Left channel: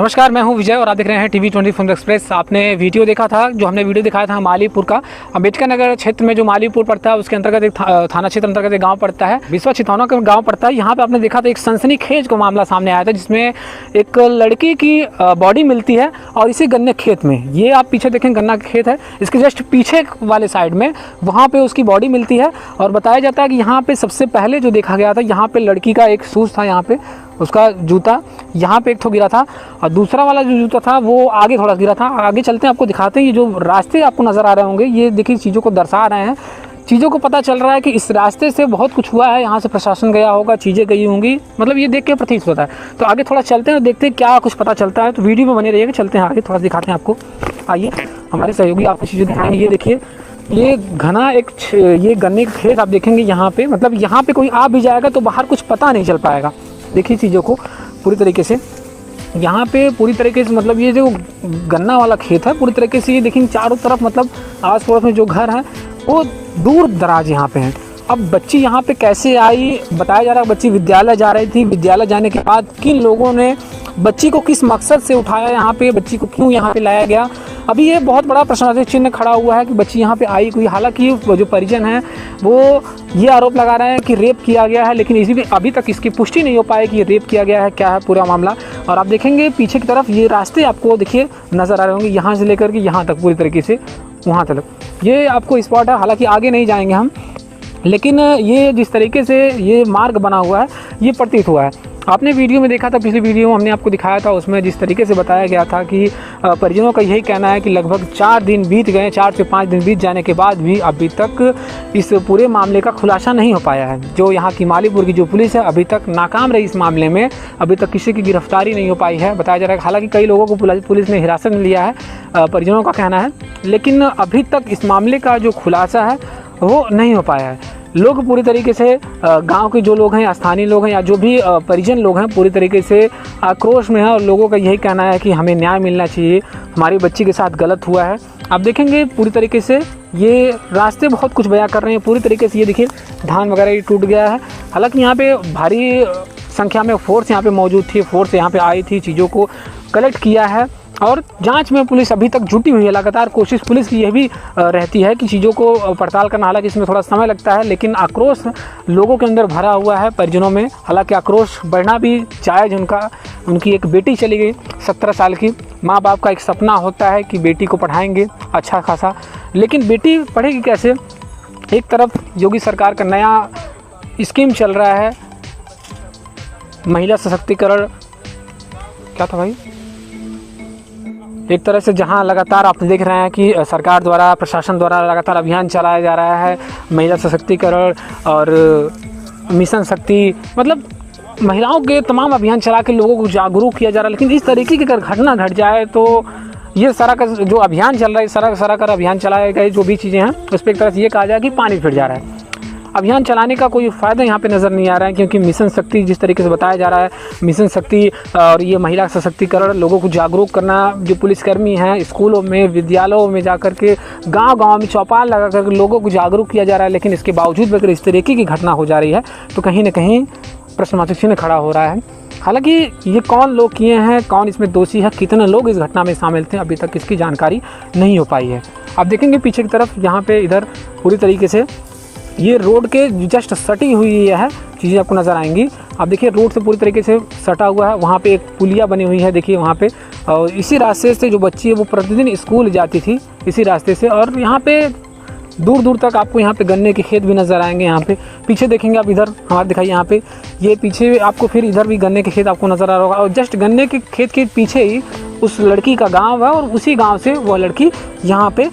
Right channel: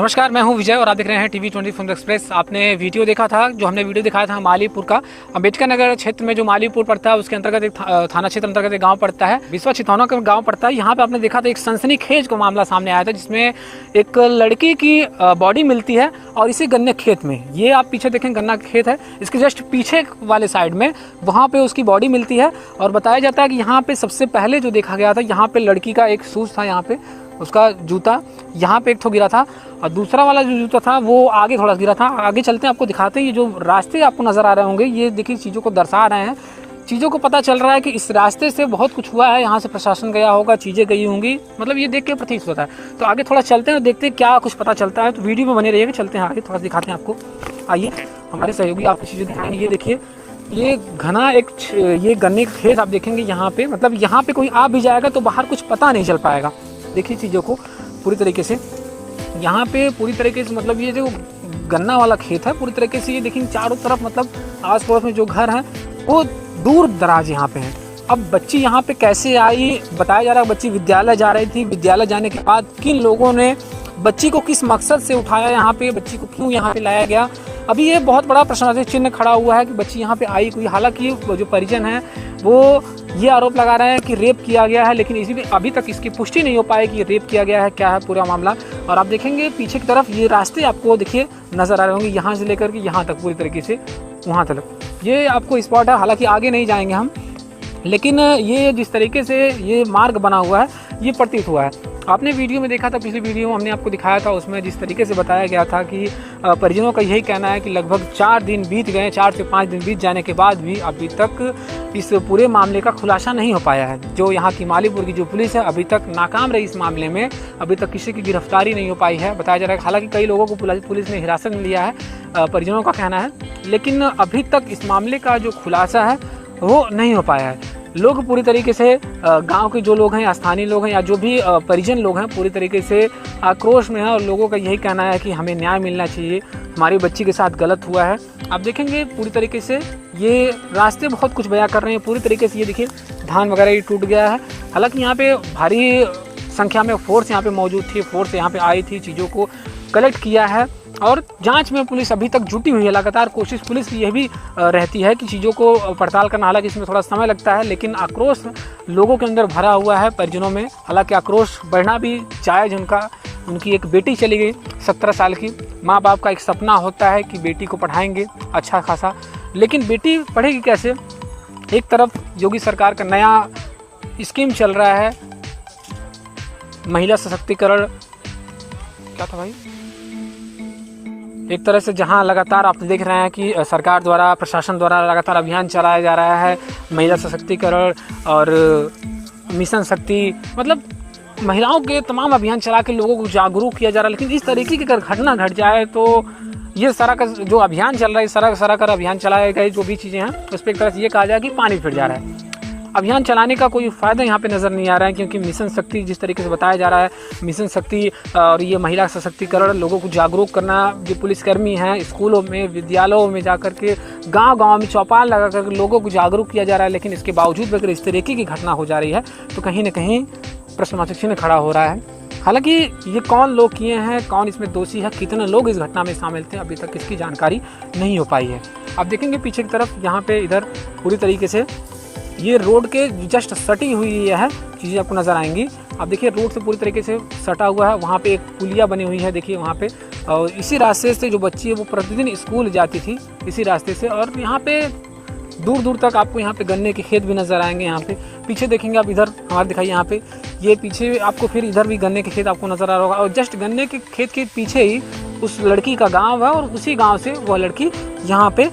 नमस्कार, मैं हूं विजय और आप देख रहे हैं टीवी 24 फिल्म एक्सप्रेस। आपने वीडियो देखा था, जो हमने वीडियो दिखाया था मालीपुर का। अम्बेडकर नगर क्षेत्र में जो मालीपुर पड़ता है उसके अंतर्गत एक थाना क्षेत्र अंतर्गत एक गांव पड़ता है, बिस्वा छितौना का गांव पड़ता है। यहाँ पे आपने देखा था एक सनसनीखेज का मामला सामने आया था, जिसमें एक लड़की की बॉडी मिलती है और इसी गन्ने खेत में, ये आप पीछे देखें गन्ना खेत है, इसके जस्ट पीछे वाले साइड में वहाँ पे उसकी बॉडी मिलती है। और बताया जाता है कि यहाँ पे सबसे पहले जो देखा गया था, यहाँ पे लड़की का एक शूज था, यहाँ पे उसका जूता यहाँ पे एक ठो गिरा था और दूसरा वाला जो जूता था वो आगे थोड़ा गिरा था। आगे चलते हैं, आपको दिखाते हैं। ये जो रास्ते आपको नजर आ रहे होंगे, ये देखिए चीज़ों को दर्शा रहे हैं। चीज़ों को पता चल रहा है कि इस रास्ते से बहुत कुछ हुआ है, यहाँ से प्रशासन गया होगा, चीज़ें गई होंगी, मतलब ये देख के प्रतीत होता है। तो आगे थोड़ा चलते हैं, देखते हैं क्या कुछ पता चलता है। तो वीडियो में बने रहिएगा, चलते हैं आगे, थोड़ा दिखाते हैं आपको। आइए, हमारे सहयोगी आपको चीज़ें दिखाएंगे। ये देखिए, ये घना एक ये गन्ने का खेत आप देखेंगे यहाँ पे, मतलब यहाँ पे कोई आ भी जाएगा तो बाहर कुछ पता नहीं चल पाएगा। देखिए चीज़ों को पूरी तरीके से, यहाँ पे पूरी तरीके से, मतलब ये जो गन्ना वाला खेत है पूरी तरीके से, ये देखिए चारों तरफ, मतलब आस पड़ोस में जो घर हैं वो दूर दराज यहाँ पे हैं। अब बच्ची यहाँ पे कैसे आई, बताया जा रहा है बच्ची विद्यालय जा रही थी। विद्यालय जाने के बाद किन लोगों ने बच्ची को किस मकसद से उठाया, यहाँ पे बच्ची को क्यों यहाँ पे लाया गया, अभी ये बहुत बड़ा प्रश्नार्थक चिन्ह खड़ा हुआ है कि बच्ची यहाँ पे आई कोई। हालांकि जो परिजन है वो ये आरोप लगा रहे हैं कि रेप किया गया है, लेकिन इसी भी अभी तक इसकी पुष्टि नहीं हो पाई कि रेप किया गया है, क्या है पूरा मामला। और आप देखेंगे पीछे की तरफ ये रास्ते आपको देखिए नजर आ रहे होंगे, यहाँ से लेकर के यहाँ तक पूरी तरीके से वहाँ तक ये आपको स्पॉट है। हालांकि आगे नहीं जाएंगे हम, लेकिन ये जिस तरीके से ये मार्ग बना हुआ है ये प्रतीत हुआ है। आपने वीडियो में देखा था, पिछली वीडियो में हमने आपको दिखाया था, उसमें जिस तरीके से बताया गया था कि परिजनों का यही कहना है कि लगभग 4 दिन बीत गए, 4 से 5 दिन बीत जाने के बाद भी अभी तक इस पूरे मामले का खुलासा नहीं हो पाया है। जो यहाँ की मालीपुर की जो पुलिस है अभी तक नाकाम रही इस मामले में, अभी तक किसी की गिरफ्तारी नहीं हो पाई है। बताया जा रहा है हालांकि कई लोगों को पुलिस ने हिरासत में लिया है, परिजनों का कहना है, लेकिन अभी तक इस मामले का जो खुलासा है वो नहीं हो पाया है। लोग पूरी तरीके से, गांव के जो लोग हैं, स्थानीय लोग हैं या जो भी परिजन लोग हैं, पूरी तरीके से आक्रोश में है और लोगों का यही कहना है कि हमें न्याय मिलना चाहिए, हमारी बच्ची के साथ गलत हुआ है। आप देखेंगे पूरी तरीके से ये रास्ते बहुत कुछ बयां कर रहे हैं पूरी तरीके से। ये देखिए धान वगैरह ये टूट गया है। हालांकि यहाँ पे भारी संख्या में फोर्स यहाँ पे मौजूद थी, फोर्स यहाँ पे आई थी, चीज़ों को कलेक्ट किया है और जांच में पुलिस अभी तक जुटी हुई है। लगातार कोशिश पुलिस की यह भी रहती है कि चीज़ों को पड़ताल करना, हालांकि इसमें थोड़ा समय लगता है, लेकिन आक्रोश लोगों के अंदर भरा हुआ है परिजनों में। हालांकि आक्रोश बढ़ना भी जायज़, उनकी एक बेटी चली गई 17 साल की। माँ बाप का एक सपना होता है कि बेटी को पढ़ाएंगे अच्छा खासा, लेकिन बेटी पढ़ेगी कैसे। एक तरफ योगी सरकार का नया स्कीम चल रहा है, महिला सशक्तिकरण, क्या था भाई, एक तरह से जहां लगातार आप देख रहे हैं कि सरकार द्वारा, प्रशासन द्वारा लगातार अभियान चलाया जा रहा है, महिला सशक्तिकरण और मिशन शक्ति, मतलब महिलाओं के तमाम अभियान चला के लोगों को जागरूक किया जा रहा है। लेकिन इस तरीके की अगर घटना घट जाए तो ये सारा का जो अभियान चल रहा है, सारा का अभियान चलाए गए जो भी चीज़ें हैं उस पर एक तरह से ये कहा जाए कि पानी फिर जा रहा है। अभियान चलाने का कोई फ़ायदा यहाँ पे नज़र नहीं आ रहा है, क्योंकि मिशन शक्ति जिस तरीके से बताया जा रहा है, मिशन शक्ति और ये महिला सशक्तिकरण, लोगों को जागरूक करना, जो पुलिसकर्मी हैं स्कूलों में, विद्यालयों में जाकर के, गांव-गांव में चौपाल लगा कर लोगों को जागरूक किया जा रहा है। लेकिन इसके बावजूद अगर इस तरीके की घटना हो जा रही है तो कहीं ना कहीं प्रश्नवाचक चिन्ह खड़ा हो रहा है। हालांकि ये कौन लोग किए हैं, कौन इसमें दोषी है, कितने लोग इस घटना में शामिल थे, अभी तक इसकी जानकारी नहीं हो पाई है। आप देखेंगे पीछे की तरफ, यहाँ पे इधर पूरी तरीके से ये रोड के जस्ट सटी हुई है चीज़ें आपको नज़र आएंगी। आप देखिए रोड से पूरी तरीके से सटा हुआ है, वहाँ पे एक पुलिया बनी हुई है, देखिए वहाँ पे। और इसी रास्ते से जो बच्ची है वो प्रतिदिन स्कूल जाती थी इसी रास्ते से। और यहाँ पे दूर दूर तक आपको यहाँ पे गन्ने के खेत भी नज़र आएंगे। यहाँ पे पीछे देखेंगे आप, इधर हमारे दिखाइए, यहाँ पे ये पीछे आपको फिर इधर भी गन्ने के खेत आपको नज़र आ रहा होगा। और जस्ट गन्ने के खेत के पीछे ही उस लड़की का गाँव है और उसी गाँव से वह लड़की यहाँ पे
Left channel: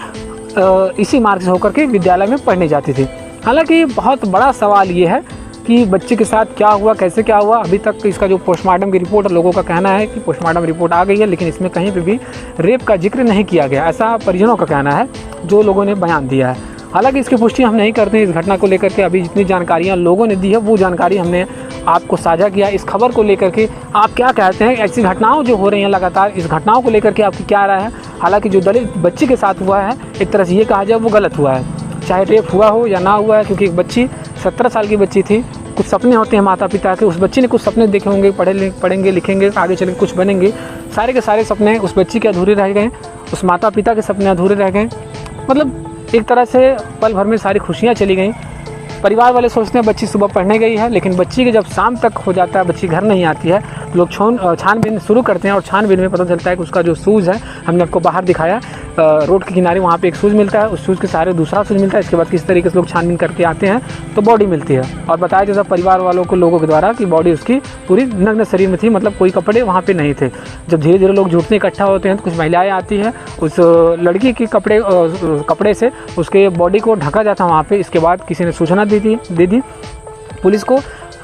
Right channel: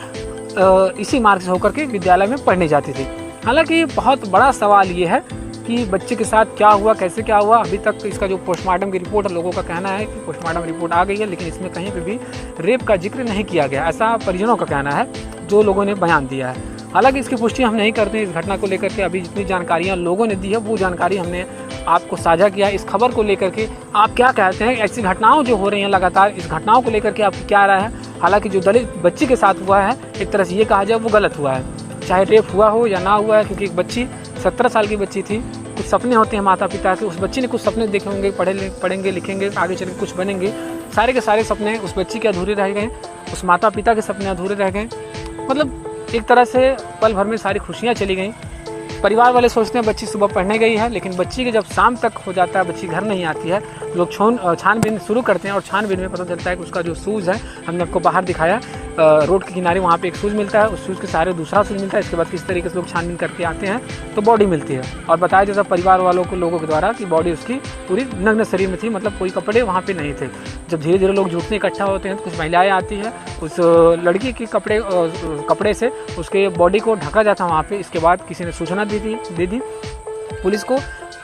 इसी मार्ग से होकर के विद्यालय में पढ़ने जाती थी। हालांकि बहुत बड़ा सवाल ये है कि बच्चे के साथ क्या हुआ, कैसे क्या हुआ। अभी तक इसका जो पोस्टमार्टम की रिपोर्ट, लोगों का कहना है कि पोस्टमार्टम रिपोर्ट आ गई है, लेकिन इसमें कहीं पे भी रेप का जिक्र नहीं किया गया, ऐसा परिजनों का कहना है, जो लोगों ने बयान दिया है। हालांकि इसकी पुष्टि हम नहीं करते इस घटना को लेकर के। अभी जितनी जानकारियाँ लोगों ने दी है वो जानकारी हमने आपको साझा किया। इस खबर को लेकर के आप क्या कहते हैं, ऐसी घटनाओं जो हो रही हैं लगातार, इस घटनाओं को लेकर के आपकी क्या राय है। हालांकि जो दलित बच्ची के साथ हुआ है, एक तरह से ये कहा जाए वो गलत हुआ है, चाहे रेप हुआ हो या ना हुआ है, क्योंकि एक बच्ची 17 साल की बच्ची थी। कुछ सपने होते हैं माता पिता के, उस बच्चे ने कुछ सपने देखे होंगे, पढ़ेंगे लिखेंगे, आगे चल के कुछ बनेंगे। सारे के सारे सपने उस बच्ची के अधूरे रह गए, उस माता पिता के सपने अधूरे रह गए। मतलब एक तरह से पल भर में सारी खुशियाँ चली गई। परिवार वाले सोचते हैं बच्ची सुबह पढ़ने गई है, लेकिन बच्ची के जब शाम तक हो जाता है, बच्ची घर नहीं आती है, लोग छानबीन शुरू करते हैं और छानबीन में पता चलता है कि उसका जो शूज़ है, हमने आपको बाहर दिखाया रोड के किनारे, वहाँ पे एक शूज़ मिलता है, उस शूज़ के सहारे दूसरा शूज़ मिलता है। इसके बाद किस तरीके से लोग छानबीन करके आते हैं तो बॉडी मिलती है, और बताया जाता है परिवार वालों को, लोगों के द्वारा, कि बॉडी उसकी पूरी नग्न शरीर में थी, मतलब कोई कपड़े वहाँ पे नहीं थे। जब धीरे धीरे लोग जुटने इकट्ठा होते हैं तो कुछ महिलाएं आती हैं, उस लड़की के कपड़े से उसके बॉडी को ढका जाता है वहाँ पे। इसके बाद किसी ने सूचना दे दी पुलिस को,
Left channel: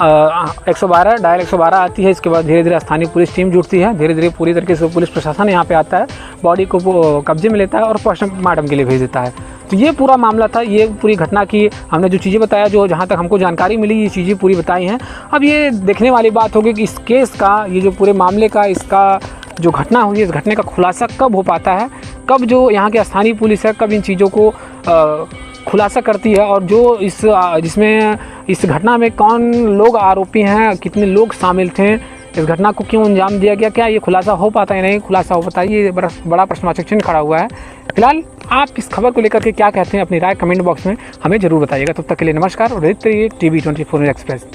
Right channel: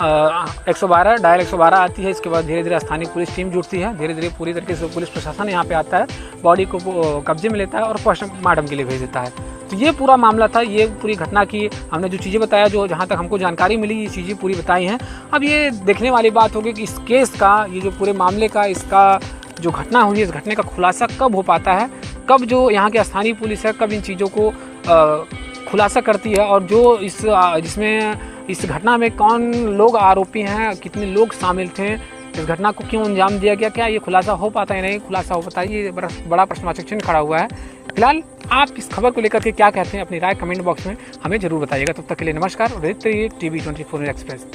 112 डायल 112 आती है। इसके बाद धीरे धीरे स्थानीय पुलिस टीम जुटती है, धीरे धीरे पूरी तरीके से पुलिस प्रशासन यहाँ पे आता है, बॉडी को वो कब्जे में लेता है और पोस्टमार्टम के लिए भेज देता है। तो ये पूरा मामला था, ये पूरी घटना की हमने जो चीज़ें बताया, जो जहाँ तक हमको जानकारी मिली, ये चीज़ें पूरी बताई हैं। अब ये देखने वाली बात होगी कि इस केस का, ये जो पूरे मामले का, इसका जो घटना हुई है, इस घटने का खुलासा कब हो पाता है, कब जो यहाँ की स्थानीय पुलिस है कब इन चीज़ों को खुलासा करती है, और जो जिसमें इस घटना में कौन लोग आरोपी हैं, कितने लोग शामिल थे, इस घटना को क्यों अंजाम दिया गया, क्या ये खुलासा हो पाता है नहीं खुलासा हो पाता है, ये बड़ा प्रश्नवाचक चिन्ह खड़ा हुआ है। फिलहाल आप इस खबर को लेकर के क्या कहते हैं, अपनी राय कमेंट बॉक्स में हमें जरूर बताइएगा। तब तक के लिए नमस्कार और देखते रहिए TV 24 एक्सप्रेस।